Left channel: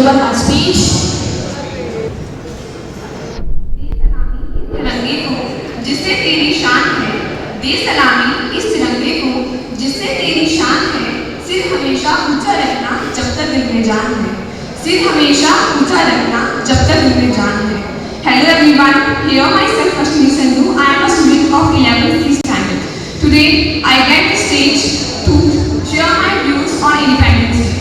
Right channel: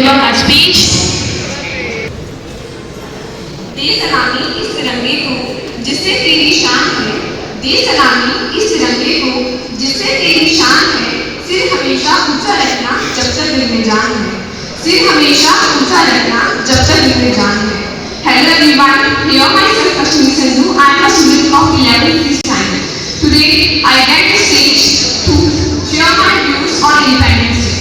deliver my speech. दे सलामी इस तिरंगे को जिससे तेरी शान है, दे सलामी इस तिरंगे को जिससे तेरी शान है। सिर हमेशा ऊंचा रखना जब तक दिल में जान है, सिर हमेशा ऊंचा रखना जब तक दिल में जान है। Hello everyone, here myself Kashmir Sandhu. I am a student of 11th C standard. Today I get the stage to share my views on Independence Day.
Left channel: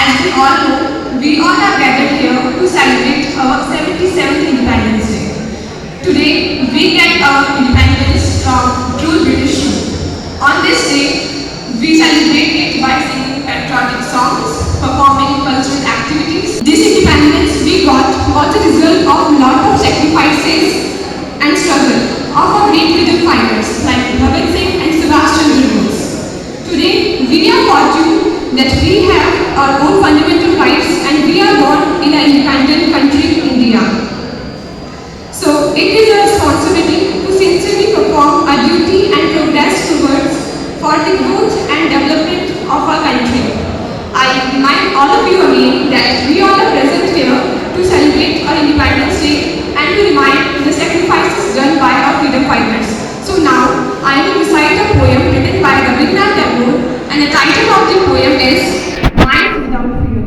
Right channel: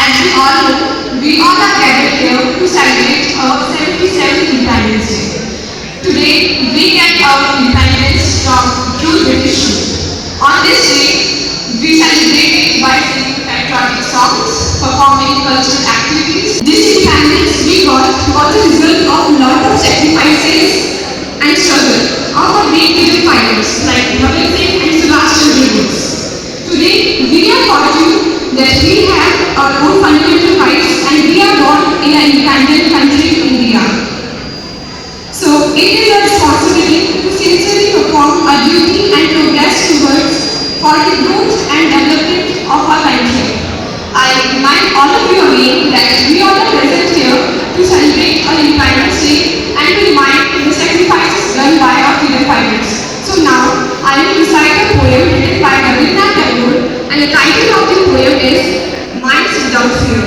As we all know, we all are gathered here to celebrate our 77th Independence Day. Today we get our independence from cruel British rule. On this day, we celebrate it by singing patriotic songs, performing cultural activities. This independence we got was the result of a lot of sacrifices and struggle of our great freedom fighters like Bhagat Singh and Subhash Chandra Bose. Today, we are fortunate that we have our own fundamental rights and we are born in an independent country, India. So, it is our responsibility to sincerely perform our duty and progress towards for the growth and development of our country. I remind all of you again that we all are present here to celebrate our Independence Day and to remind the sacrifices done by our freedom fighters. So now, I will recite a poem written by Rabindranath Tagore, and the title of the poem is Minds Without Fear.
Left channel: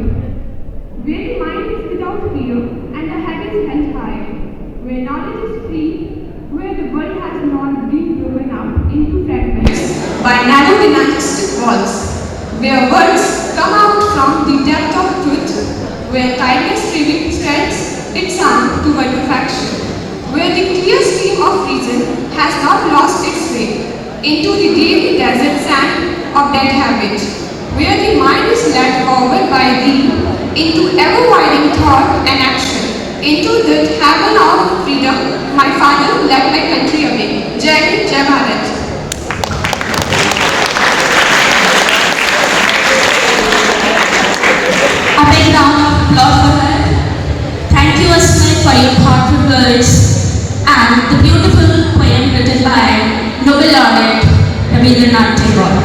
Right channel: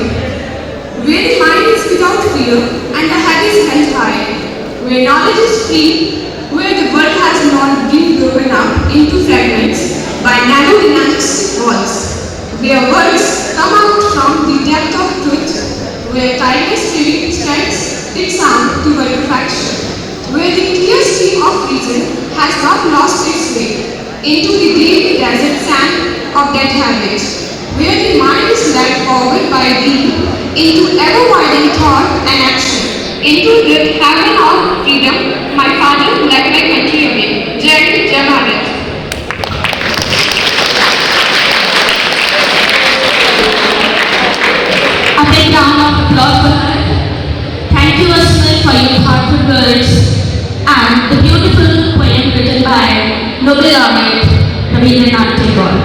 Where the mind is without fear and the head is held high, where knowledge is free, where the world has not been broken up into fragments by narrow dynastic walls, where words come out from the depth of truth, where kindness spreads its sound to perfection, where the clear stream of reason has not lost its way into the daily desert sand of dead habit, where the mind is led forward by thee into ever-widening thought and action, into the heaven of freedom, my father who led my country again. Jai Hind, Jai Bharat. A big round of applause for her. Thank you, Asmit, for your thoughtful words and the beautiful poem written by Nobel laureate Rabindranath Tagore.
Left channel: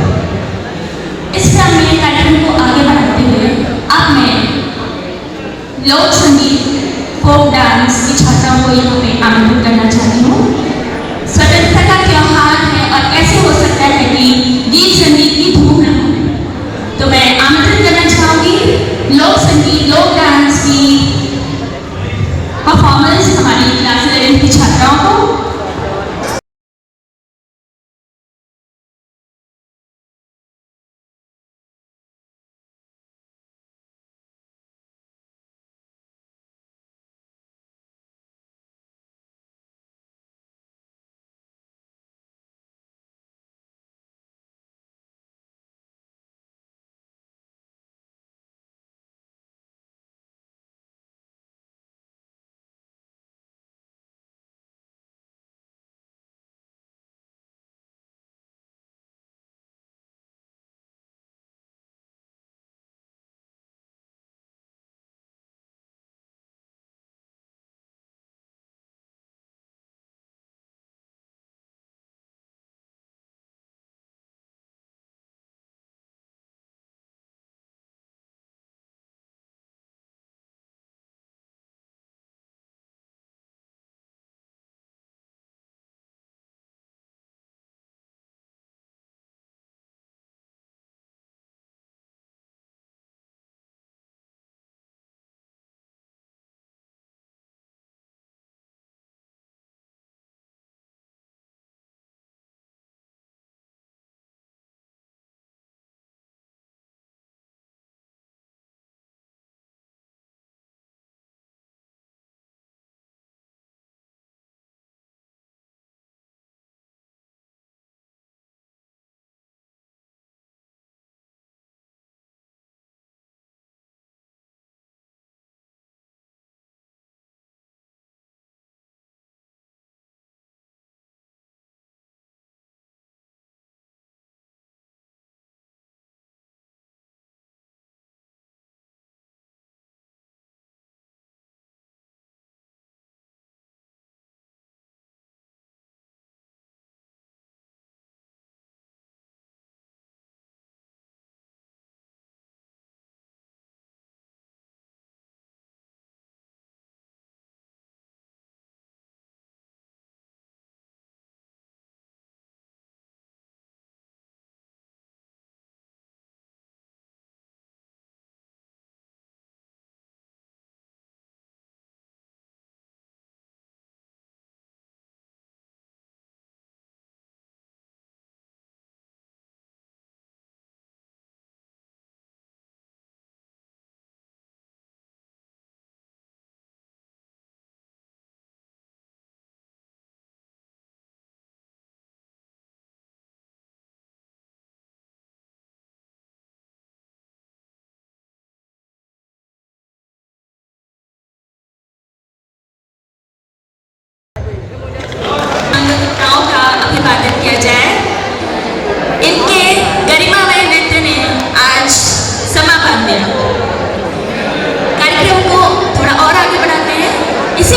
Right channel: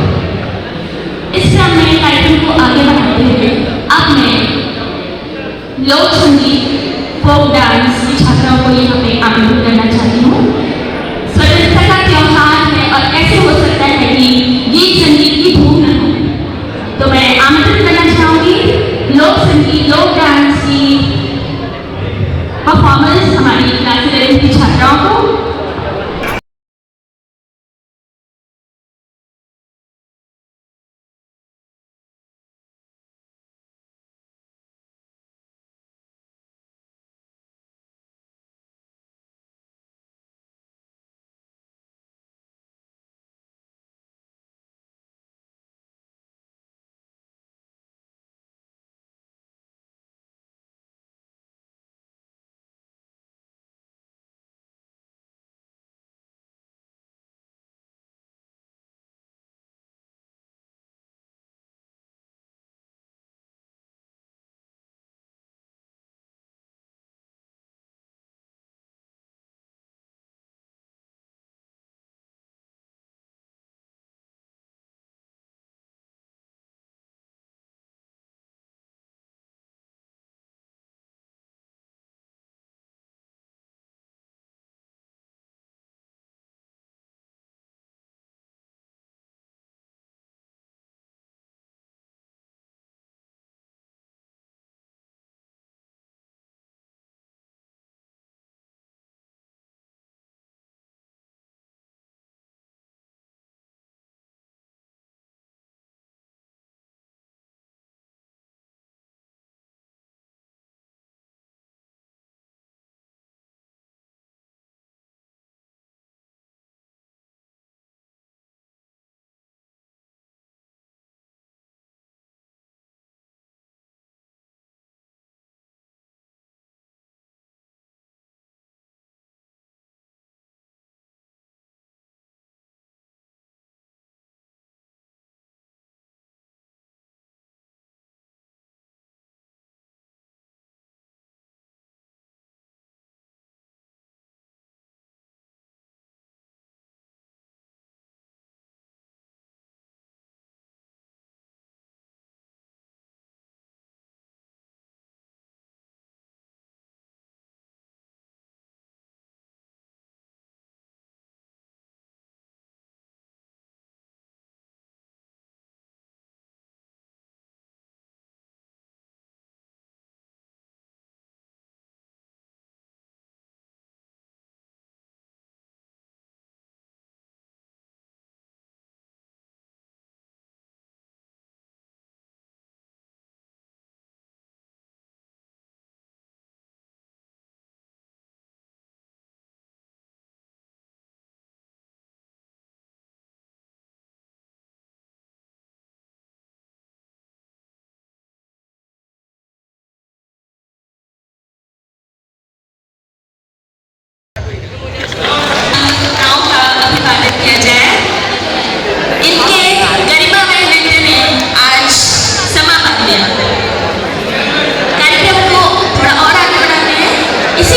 इस क्रम में कार्यक्रम को आगे बढ़ाते हुए अब मैं लोक संगीत, फोक डांस की छात्राओं को यहाँ पे आमंत्रित करना चाहती हूँ। स्वतंत्रता का त्योहार है और ऐसे हो सकता है कि गीत संगीत की धूम न हो, तो मैं आमंत्रित करना चाहूँगी लोक संगीत, लोक डांस की परफॉर्मेंस हमारी क्लास 11 की छात्राओं को।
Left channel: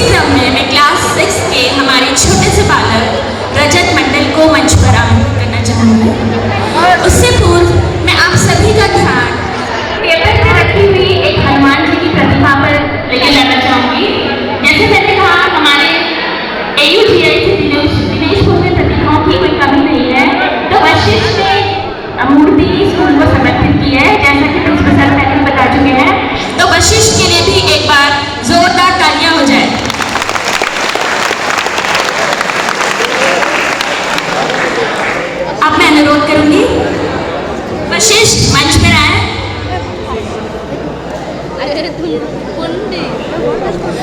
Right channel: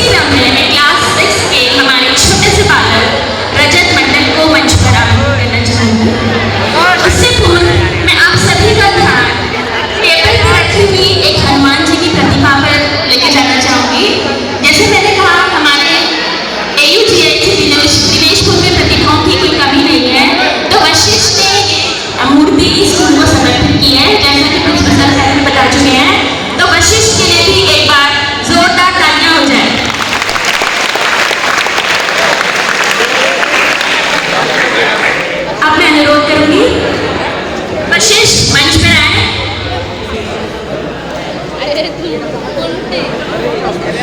क्रम में मैं क्लास 6 के हमारे छोटे से बालक रजत मंडल को मंच पर आमंत्रित करना चाहूँगी। उससे पूर्व मैं आप सभी का ध्यान टेबल पर रखी हुई एक हनुमान जी की प्रतिमा पर लेके जाना चाहूँगी। जैसे मैंने कहा, हमारे AUTI दिनेशपुर में प्रतिभाओं की कोई कमी नहीं है, तो वशिष्ठ ने मूर्ति स्कूल को समर्पित की है, जैसा कि प्रिंसिपल सर पहले बता चुके हैं। तो वशिष्ठ के लिए भी एक बार जोरदार तालियां हो जाए। अब मैं अनुरोध करूंगी वशिष्ठ मंच पर आए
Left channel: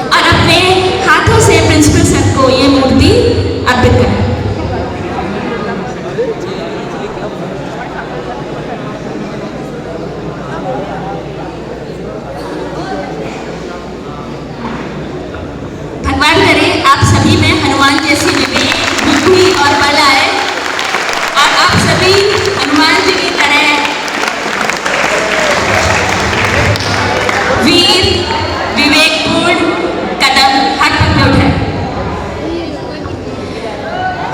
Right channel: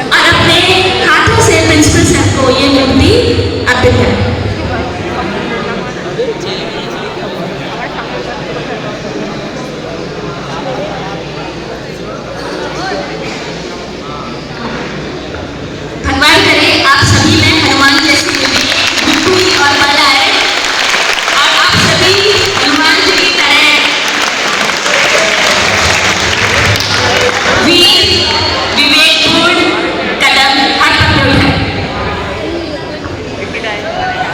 और अपने हाथों से प्रिंसिपल सर को ये मूर्ति अर्पित करें। भगवान करे आप सभी में हनुमान जैसी बुद्धि और बल आए और आप सभी हनुमान जी की तरह वीर विवेकपूर्ण कदम हर पल पे उठाए।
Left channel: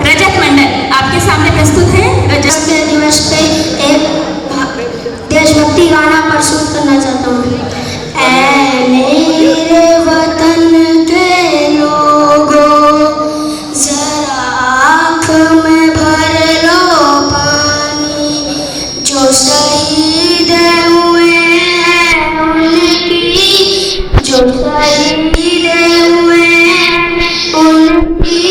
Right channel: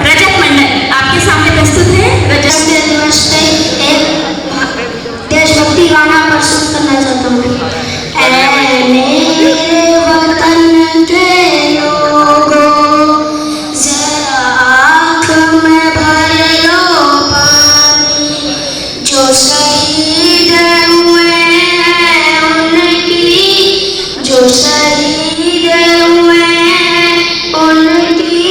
रजत मंडल आपके सामने प्रस्तुत है। रजत दिवस पे एक देशभक्ति गाना प्रस्तुत करना चाहता हूँ। ऐ मेरे वतन के लोगों, जरा आँख में भर लो पानी, जो शहीद हुए हैं उनकी, जो शहीद हुए हैं उनकी,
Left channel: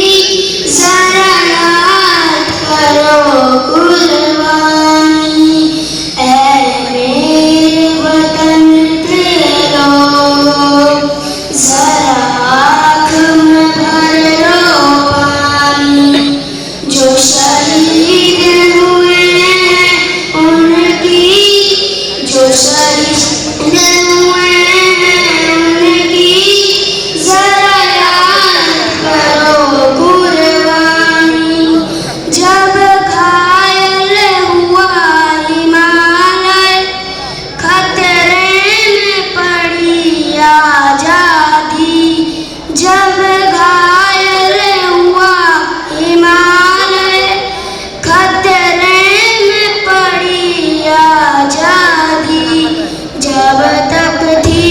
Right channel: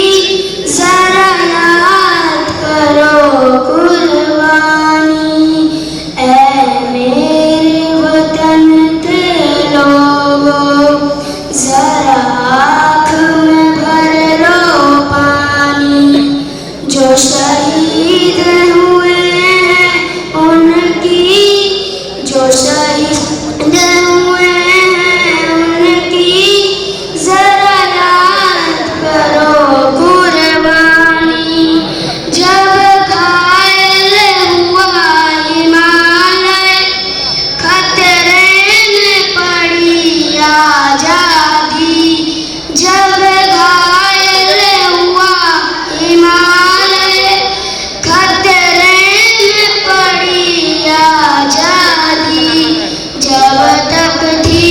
जरा याद करो कुर्बानी। ऐ मेरे वतन के लोगों, जरा आँख में भर लो पानी, जो शहीद हुए हैं उनकी, जो शहीद हुए हैं उनकी, जरा याद करो कुर्बानी। जब घायल हुआ हिमालय, खतरे में पड़ी आजादी, जब घायल हुआ हिमालय, खतरे में पड़ी आजादी, जब तक थी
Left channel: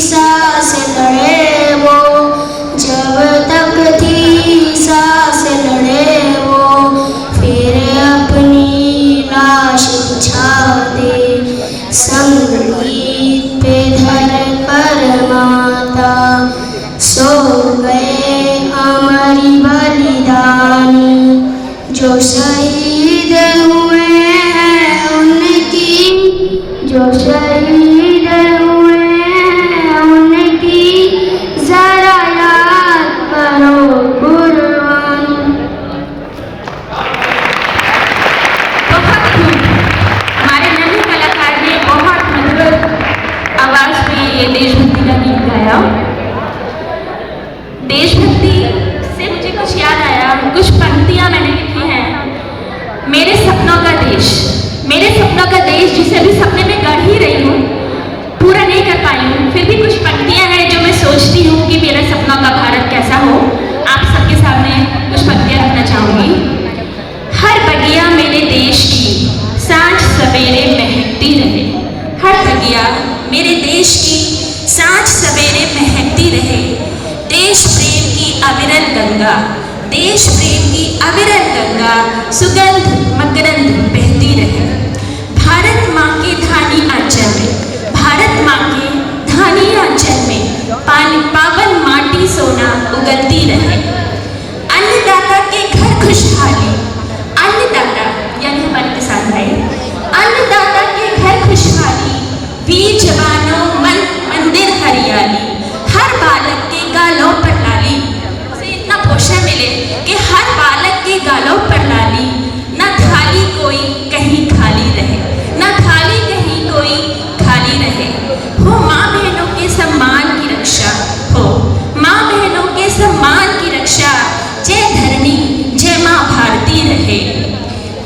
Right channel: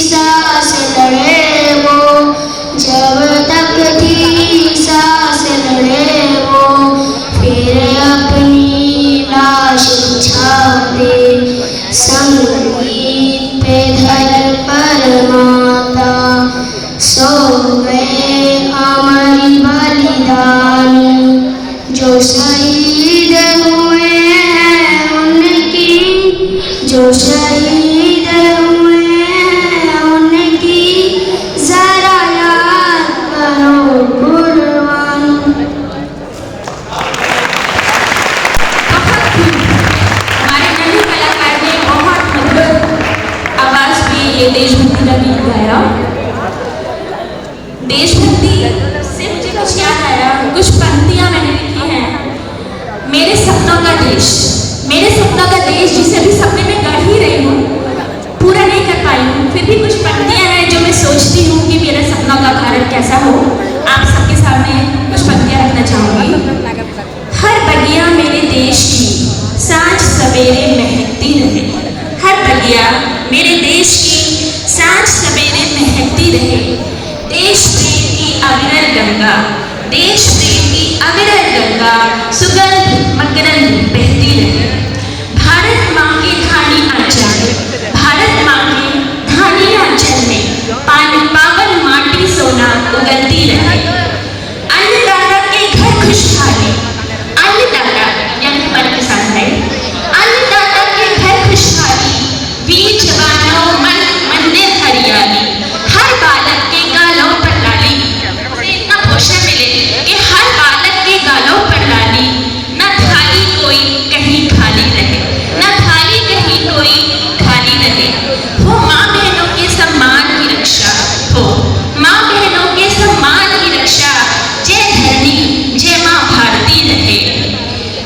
सांस लड़े वो, जब तक थी सांस लड़े वो, फिर अपनी लाश बिछाते संगीत पे धर कर माता, सो गए हमारी बलिदानी, जो शहीद हुए हैं उनकी, जो शहीद हुए हैं उनकी, जरा याद करो कुर्बानी। बहुत खूब। हमारे नन्हे कलाकार ने बहुत मधुर आवाज में ये देशभक्ति का गीत गाया। देशभक्ति से मुझे कुछ याद आया, कुछ पंक्तियां मैंने लिखी हैं। मेरे सपनों का देश, मेरे सपनों का देश जिसे भी सपने में गढ़ ही रही हूँ, पूरा नहीं कर पाई हूँ, फिर भी कुछ पंक्तियां हैं जो मैं सोचती हूँ कि मेरे सपनों का भारत कैसा हो। आप सबके सामने कुछ पंक्तियां रखना चाहूंगी। हर बगिया मेरे देश की सांझ सवेरे महकती रहे, हर बगिया मेरे देश की सांझ सवेरे महकती रहे, देश प्रेम की अविरल गंगा, देश प्रेम की अविरल गंगा सुगंध मकरंद बहती रहे। भारत माँ के धानी आंचल में, भारत माँ के धानी आंचल में पावन माटी सोना उगलती रहे। अन्नदाता के घर खुशहाली, अन्नदाता यानी हमारे किसान भाई, अन्नदाता के घर खुशहाली, वीर जवानों मन मंदिर हरियाली, हर बालक के गालों पर लाली, उसे इतना पोषण मिले कि हर बालक के गालों पर लाली, न थाली कोई कहीं खाली रहे, न थाली कहीं कोई खाली रहे। हो माँ बहनों के सम्मान की रक्षा, हो माँ बहनों के सम्मान की रक्षा, जय धरनी जय माँ भारती रहे।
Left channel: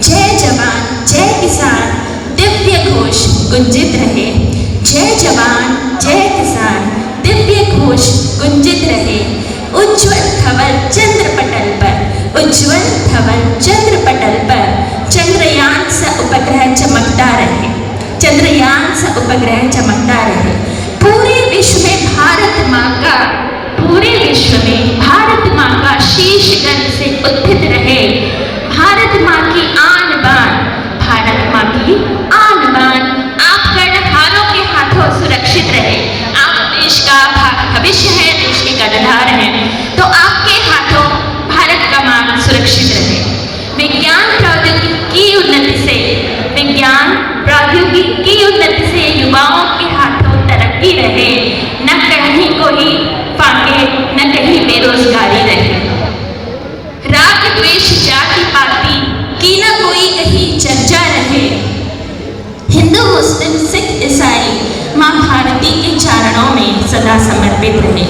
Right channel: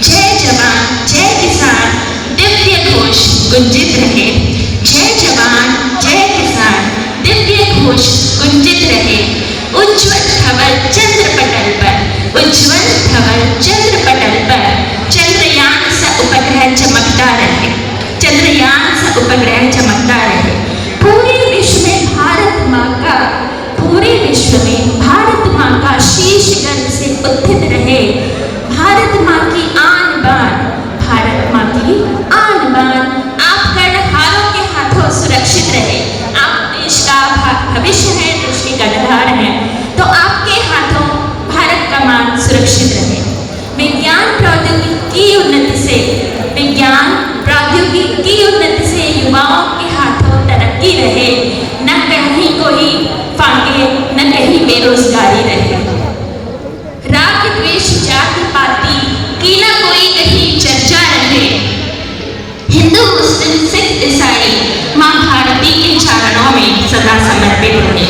जय जवान जय किसान दिव्य घोष गुंजित रहे, जय जवान जय किसान दिव्य घोष गुंजित रहे। पर चंद्र पटल पर चंद्रयान सा उपग्रह चमकता रहे, चंद्रयान सा उपग्रह चमकता रहे। पूरे विश्व में भारत माँ का, पूरे विश्व में भारत माँ का शीश गर्व से उत्थित रहे। भारत माँ की आन बान, भारत माँ की आन बान आप कर्णधारों के हाथों सुरक्षित रहे। आप देश का भविष्य है, देश के कर्णधार हैं, तो आपके हाथों भारत का मान सुरक्षित रहे। विज्ञान प्रौद्योगिकी की उन्नति से, विज्ञान प्रौद्योगिकी की उन्नति से युवाओं के हाथों तरक्की रहे, न कहीं कोई फाके, न कहीं बेरोजगारी रहे। राग द्वेष जाति पाति की न कोई कहीं चर्चा रहे। हिंदू मुस्लिम सिख ईसाई माँ भारती के चरणों में सदा समर्पित रहे।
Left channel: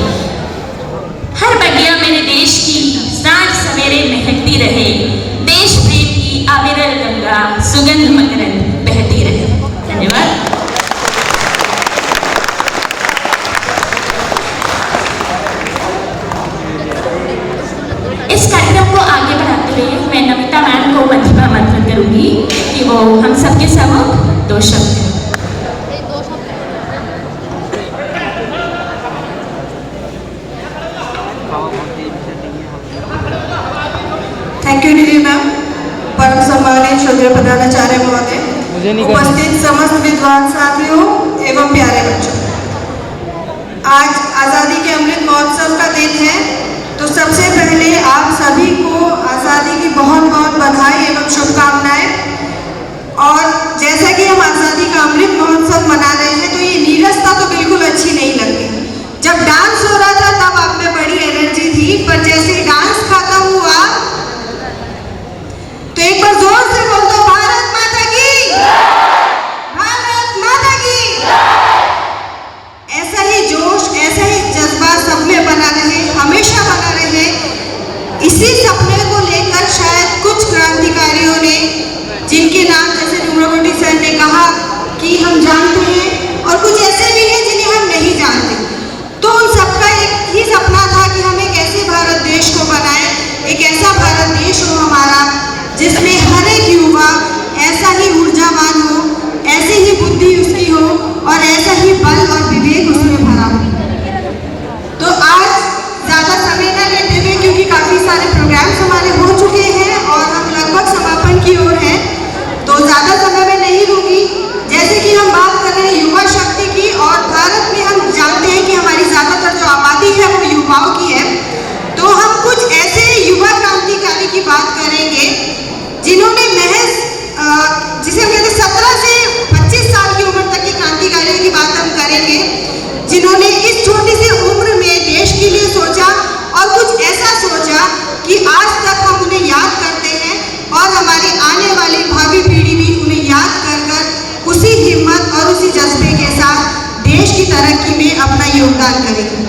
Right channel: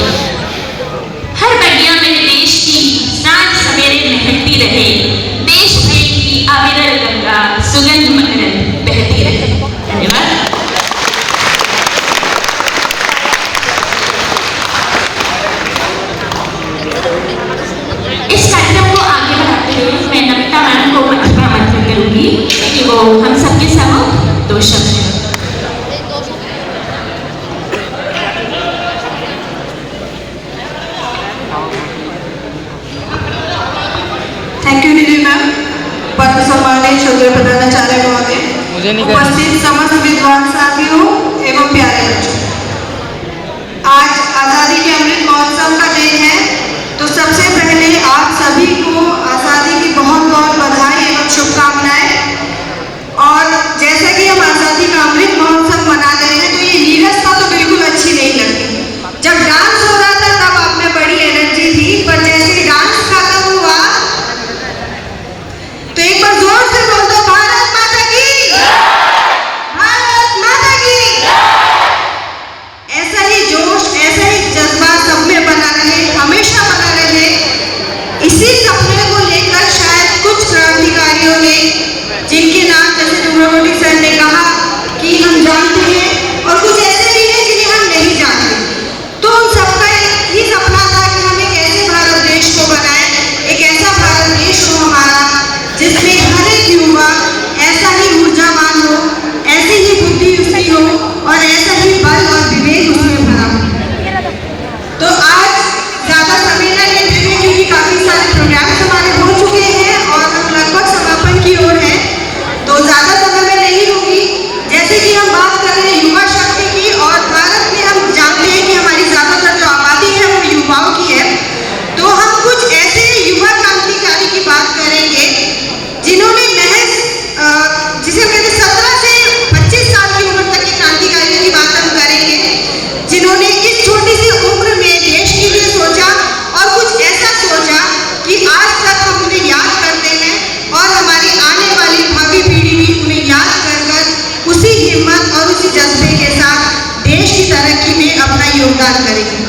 हर बगिया में देश की सांझ सवेरे महकती रहे। देश प्रेम की अविरल गंगा सुगंध मकरंद बहती रहे। धन्यवाद। इस कार्यक्रम को आगे बढ़ाते हुए मैं नमिता मैम को आमंत्रित करूंगी कि वो हम सबके सम्मुख दो शब्द थैंक यू दीदी मैम। परम सम्मानित श्रद्धेय प्रधानाचार्य महोदय, उपस्थित समस्त विद्वान साथियों एवं प्यारे बच्चों, आज आज़ादी के अमृत महोत्सव का दिन है, तो सबसे पहले आप सभी को आज़ादी की बहुत बहुत बधाई एवं शुभकामनाएं। और जैसा कि हम आज़ादी का अमृत महोत्सव मना रहे हैं, तो ये नीरसता तो बिल्कुल अच्छी नहीं लगती। जब डांस हो रहा था तब आप में बड़ी एनर्जी थी, पर जैसे डांस खत्म हुआ तो एक बार जोर से बोल दो, भारत माता की, भारत माता की। ऐसा ही जोश, ऐसा ही जज्बा सब में बना रहे, हमेशा बना रहे। इसी सपने को लेकर शायद कुछ क्रांतिकारियों ने, जिनके नाम जैसे रुद्रमूर्ति सर ने कहा कि हम जानते हैं, और कुछ ऐसे भी हैं जिन्हें हम नहीं जानते, तो उन सबका एक ही सपना था कि हम एक ऐसे भारत देश को बनाएं, एक ऐसा भारत देश हो हमारा जिसमें हर एक युवा ऐसा ही ऊर्जावान हो, ऐसी ही बुद्धि उसकी हो और ऐसा ही बल और विवेक उसमें भरा हो। तो आज ज्यादा समय न लेते हुए, क्योंकि काफी सारे प्रोग्राम्स हमारे हो चुके हैं और हम लगभग समापन की ओर हैं, तो ज्यादा समय में नहीं होगी। जैसे कि हम बात कर रहे हैं युवा शक्ति की, और भारत में हम जानते हैं कि हमारी ज्यादातर जो आबादी है वो युवाओं की है, तो हम कुछ ऐसे युवा क्रांतिकारी की बात करेंगे जिन्होंने महज जिसे हम कहते 17 से 25 साल की उम्र तक के क्रांतिकारियों की बात हम करेंगे, जिन्होंने इस छोटी सी उम्र में देश के लिए सोचा और कुछ ऐसा सोचा कि आज तक हम उन्हें याद करते हैं और हमारी आने वाली भावी पीढ़ी भी उन्हें याद कर उसी हिम्मत और उसी जज्बे के साथ देश की तरक्की में अपना योगदान करेगी।